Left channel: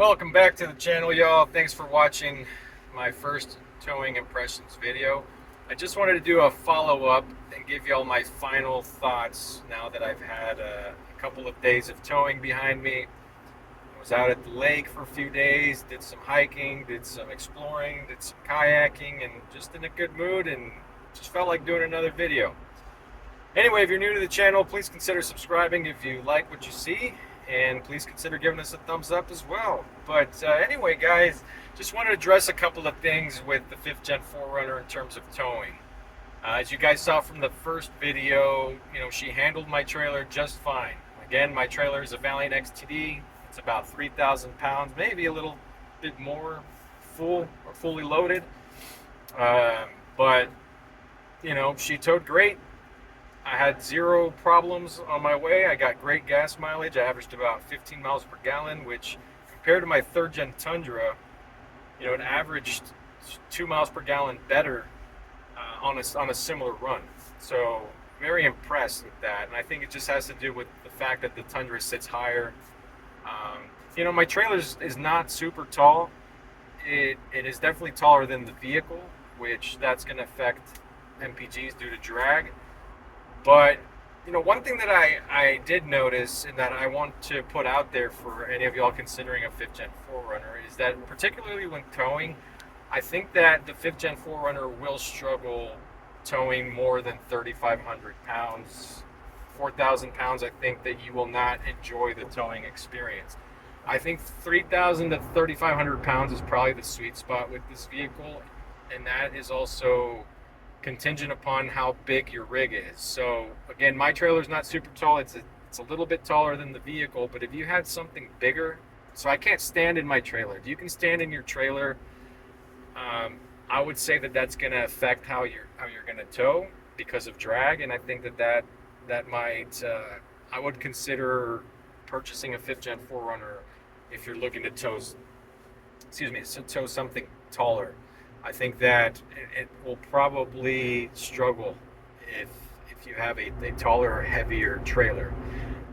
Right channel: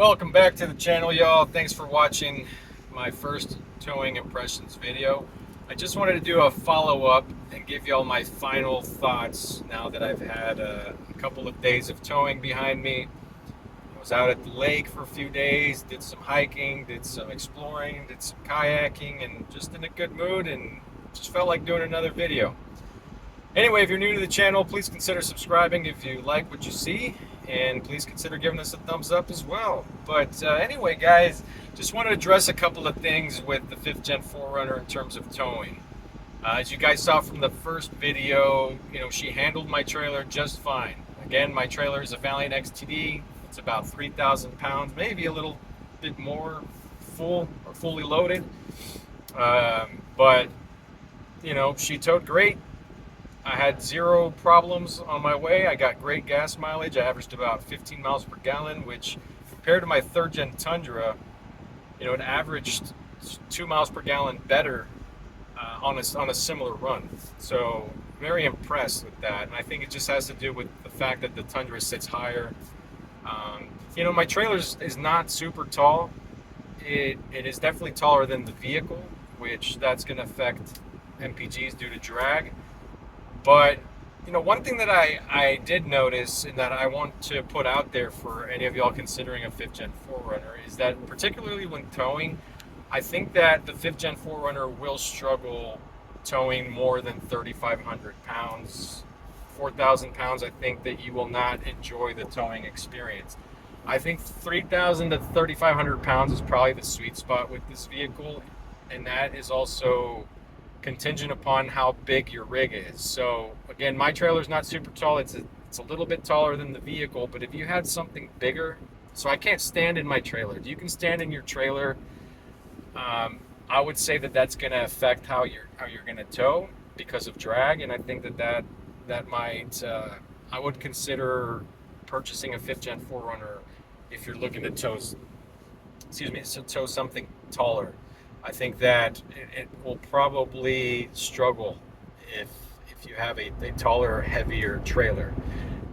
Welcome back to the channel, y'all. Thanks for watching my first towing impressions video. I just wanted to do a follow-up and give y'all my final thoughts now that I've had a couple of days of towing behind me. I was out at the lake for a few days, did some hiking, did some exploring, did some kayaking, and just in a good mood and just felt like doing another video. Anyway, if you're new to the channel, please consider subscribing if you like what you see, and please consider giving us a thumbs up as well. But anyway, guys, just want to address a couple of things with the 5th Gen 4Runner in terms of towing. As you guys saw from the first video, she handled my trailer just fine. Again, my trailer is a Valiant XTD. It's about 3,000 pounds, maybe a little bit more full or fully loaded. But she towed great. I had zero problems on my way. I got great gas mileage. I averaged about 15 miles per gallon, which compared to my 3rd Gen Tundra, it averaged 2 miles per gallon better on a similar run. So very impressed with that. And I think it just has to do with the fact that the Tundra sits higher. My trailer is not super tall. It is definitely taller than the vehicle, which that's going to affect MPGs due to drag. But one thing that I did notice and that I want to put out there for any of y'all considering a 5th Gen 4Runner is that particularly when towing, I think that the 5th Gen 4Runner will struggle towing more than 3,500 pounds, 4,000 pounds. I think that you will not enjoy the towing experience. I think 3,000 to 3,500 pounds is probably the sweet spot with this vehicle, and that is also contingent upon how big your rig is. So again, my trailer is not super tall. It's a little bit taller than the vehicle, but if you had something bigger, so I can't stand in my trailer. If you can stand in your trailer, I would say that that's going to affect how you're going to tow because of drag, and I think that might I would consider purchasing a 5th Gen 4Runner if you're looking to tow something taller. I think that it will probably struggle if you have a taller, heavier trailer.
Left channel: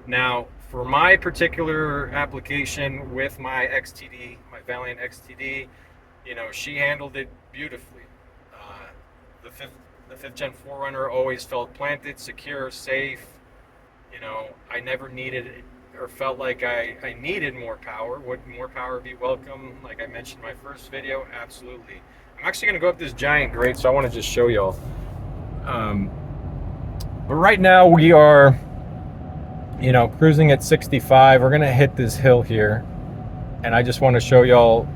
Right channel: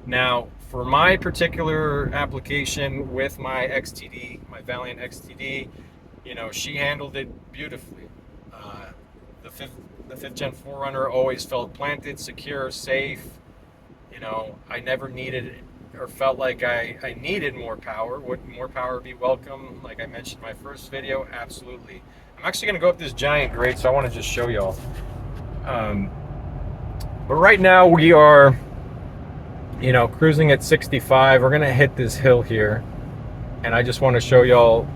Now, for my particular application with my XTD, my Valiant XTD, she handled it beautifully. The 5th Gen 4Runner always felt planted, secure, safe. I never needed or felt like I needed more power. Would more power be welcome? Like I mentioned in my first video, absolutely. I'm actually gonna go up this giant grate, so I want to just show y'all. But right now we are, cruising at 65. We're gonna hit this hill here, and I just want to show y'all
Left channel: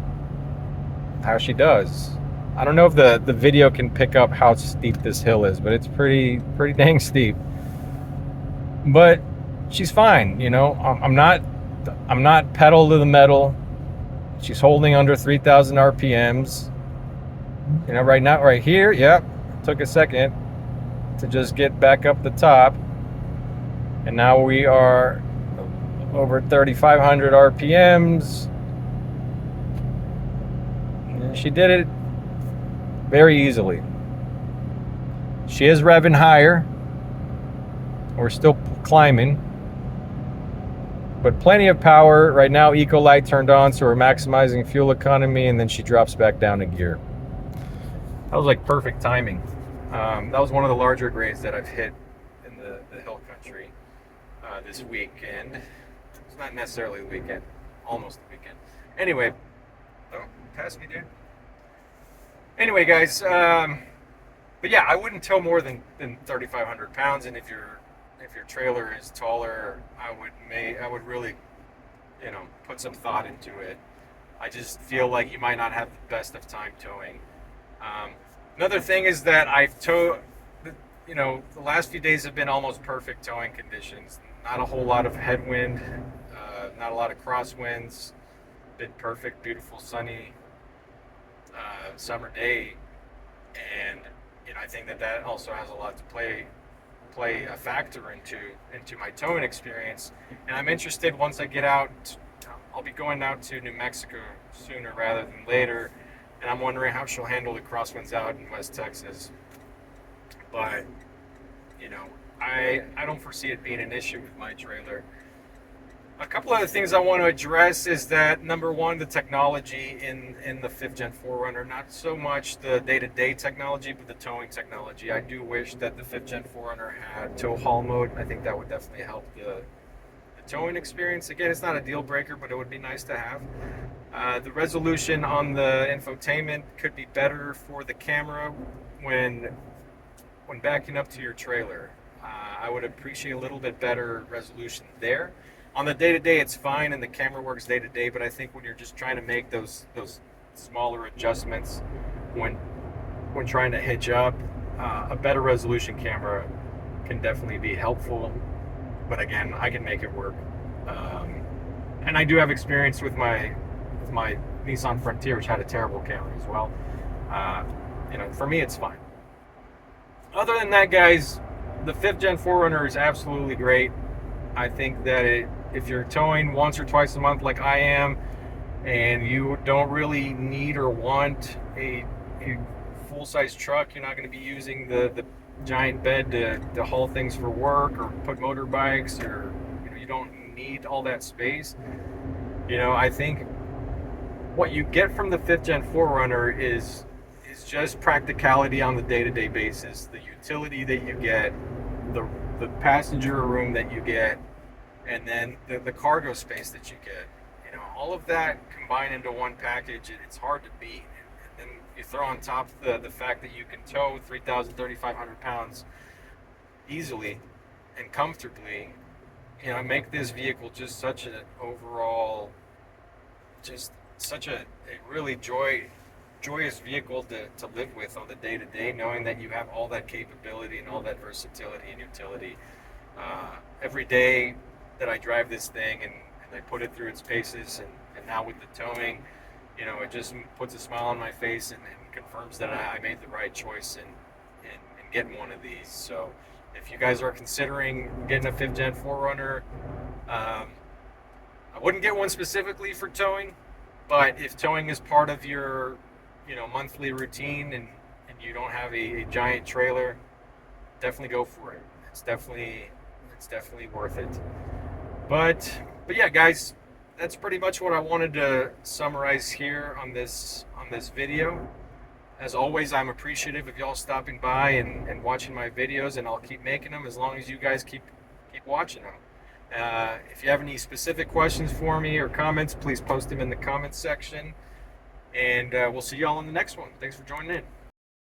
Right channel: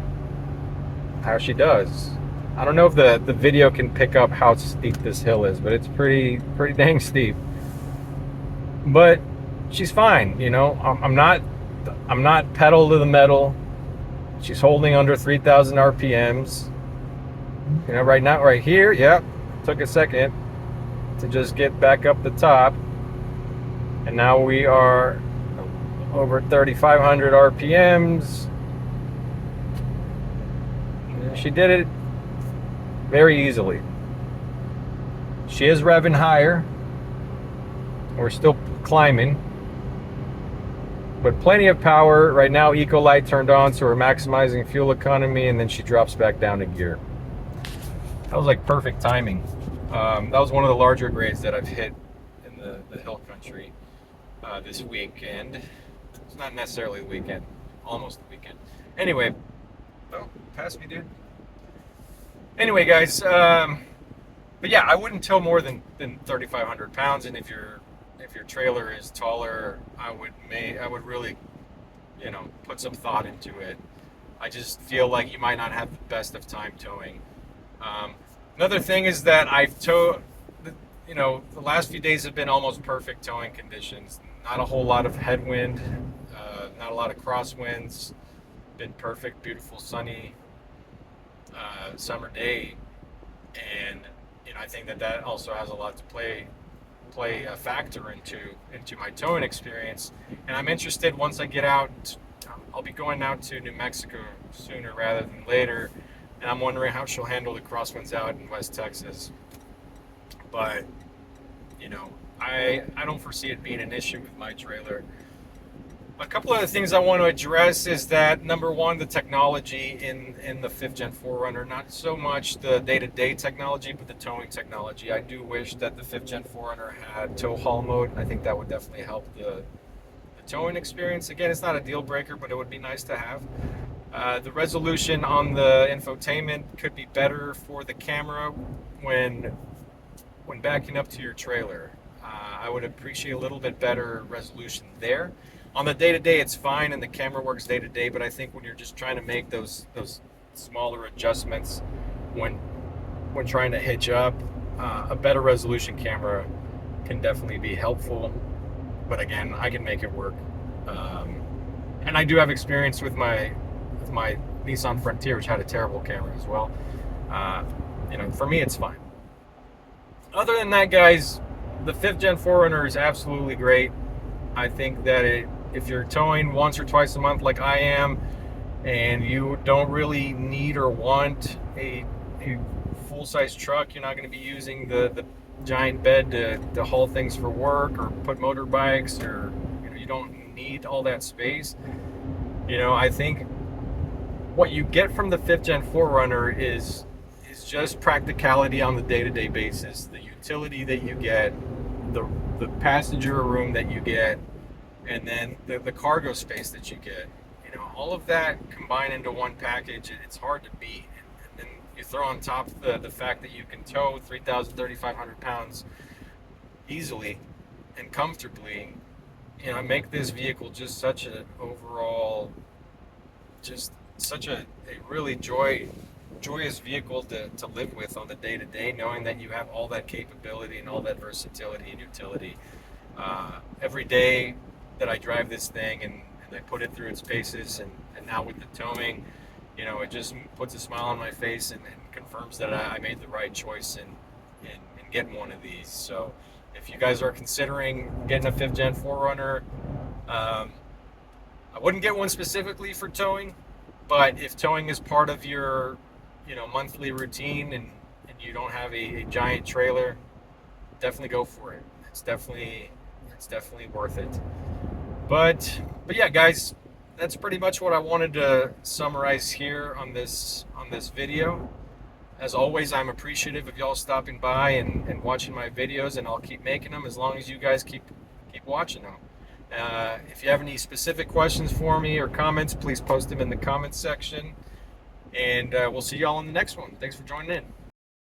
how she does. I don't know if the video can pick up how steep this hill is, but it's pretty dang steep. But she's fine. I'm not pedal to the metal. She's holding under 3,000 RPMs. Right now, right here, yep, took a second to just get back up the top. And now we are over 3,500 RPMs. And she did it very easily. She is revving higher. We're still climbing, but plenty of power. Right now, eco light turned on, so we're maximizing fuel economy, and then she drops back down to gear. That was like perfect timing. That was one of the larger grades that I've hit in the hill country this weekend. It's not necessarily the weekend, almost the weekend. Anyway, oh, pass me, dude. Anyway, guys, but yeah, I wouldn't tow more than 3,500 pounds, and if your trailer is taller, I would really, put some thought into it. I just feel like you might not have the best of time towing. Another thing is that I've towed, the last few days have been almost perfect towing conditions. Not a whole lot of headwind, not a lot of crosswinds. Been perfect, beautiful, sunny summer day, and I think that also has a lot to play a factor into my towing experience. And I'm interested, once I get out, I'll be going out to New Mexico sooner rather than later, and I'm wondering how she'll handle the crosswinds out in West Texas. But I don't foresee it being an issue with my trailer. A couple of the things I want to address is that number one, the technology in the 5th Gen 4Runner, not so much the day-to-day technology, but the towing technology. I do wish that the 5th Gen 4Runner had tow haul mode. I think that would definitely help the towing experience. Again, it's not a deal breaker, but it would be nice to have. The resolution on the infotainment could be better for the camera when backing up to your trailer. I would appreciate a little bit better resolution there. On the day-to-day, it's fine, and the camera works day-to-day. But I think when you're just trying to make those smaller adjustments when trying to hitch up, a better resolution camera can definitely be helpful. But again, I can make it work. And I do have experience with my Nissan Frontier, which had a terrible camera as well. For me, it's fine. Other than that, guys, the 5th Gen 4Runner is absolutely great. I think that if you're towing once or twice a month like I am, and you don't really need or want a full-size truck, you're not going to be using the giant bed to haul things for work or put motorbikes, or you don't need all that space. I think what you get from the 5th Gen 4Runner is just practicality on the day-to-day basis. The utility that you get, the passenger room that you get, and then the cargo space that you get. All of that combined into one package, it's hard to beat. And then you throw on top the fact that you can tow 3,500 pounds easily and comfortably. Make this vehicle just such an overall, just such a really joyous vehicle to live with on the day-to-day, knowing that you have all that capability and all that versatility and utility. Every day that I drive this thing and I put it through its paces, and now with the towing, it just puts a smile on my face and confirms that I made the right choice in getting one of these. So if you guys are considering getting a 5th Gen 4Runner, I wouldn't get one specifically for towing, but if towing is part of your monthly routine, and you don't have a giant trailer, definitely go for it. It's definitely worth it. But yeah, guys, that's pretty much what I wanted to summarize here on this video. As always, I'm appreciative of y'all stopping by and watching my videos, and I'll keep making them as long as you guys keep watching them. If you have any specific questions for me or comments, please post them in the comments section. And we'll see y'all in the next one. Thanks for joining in.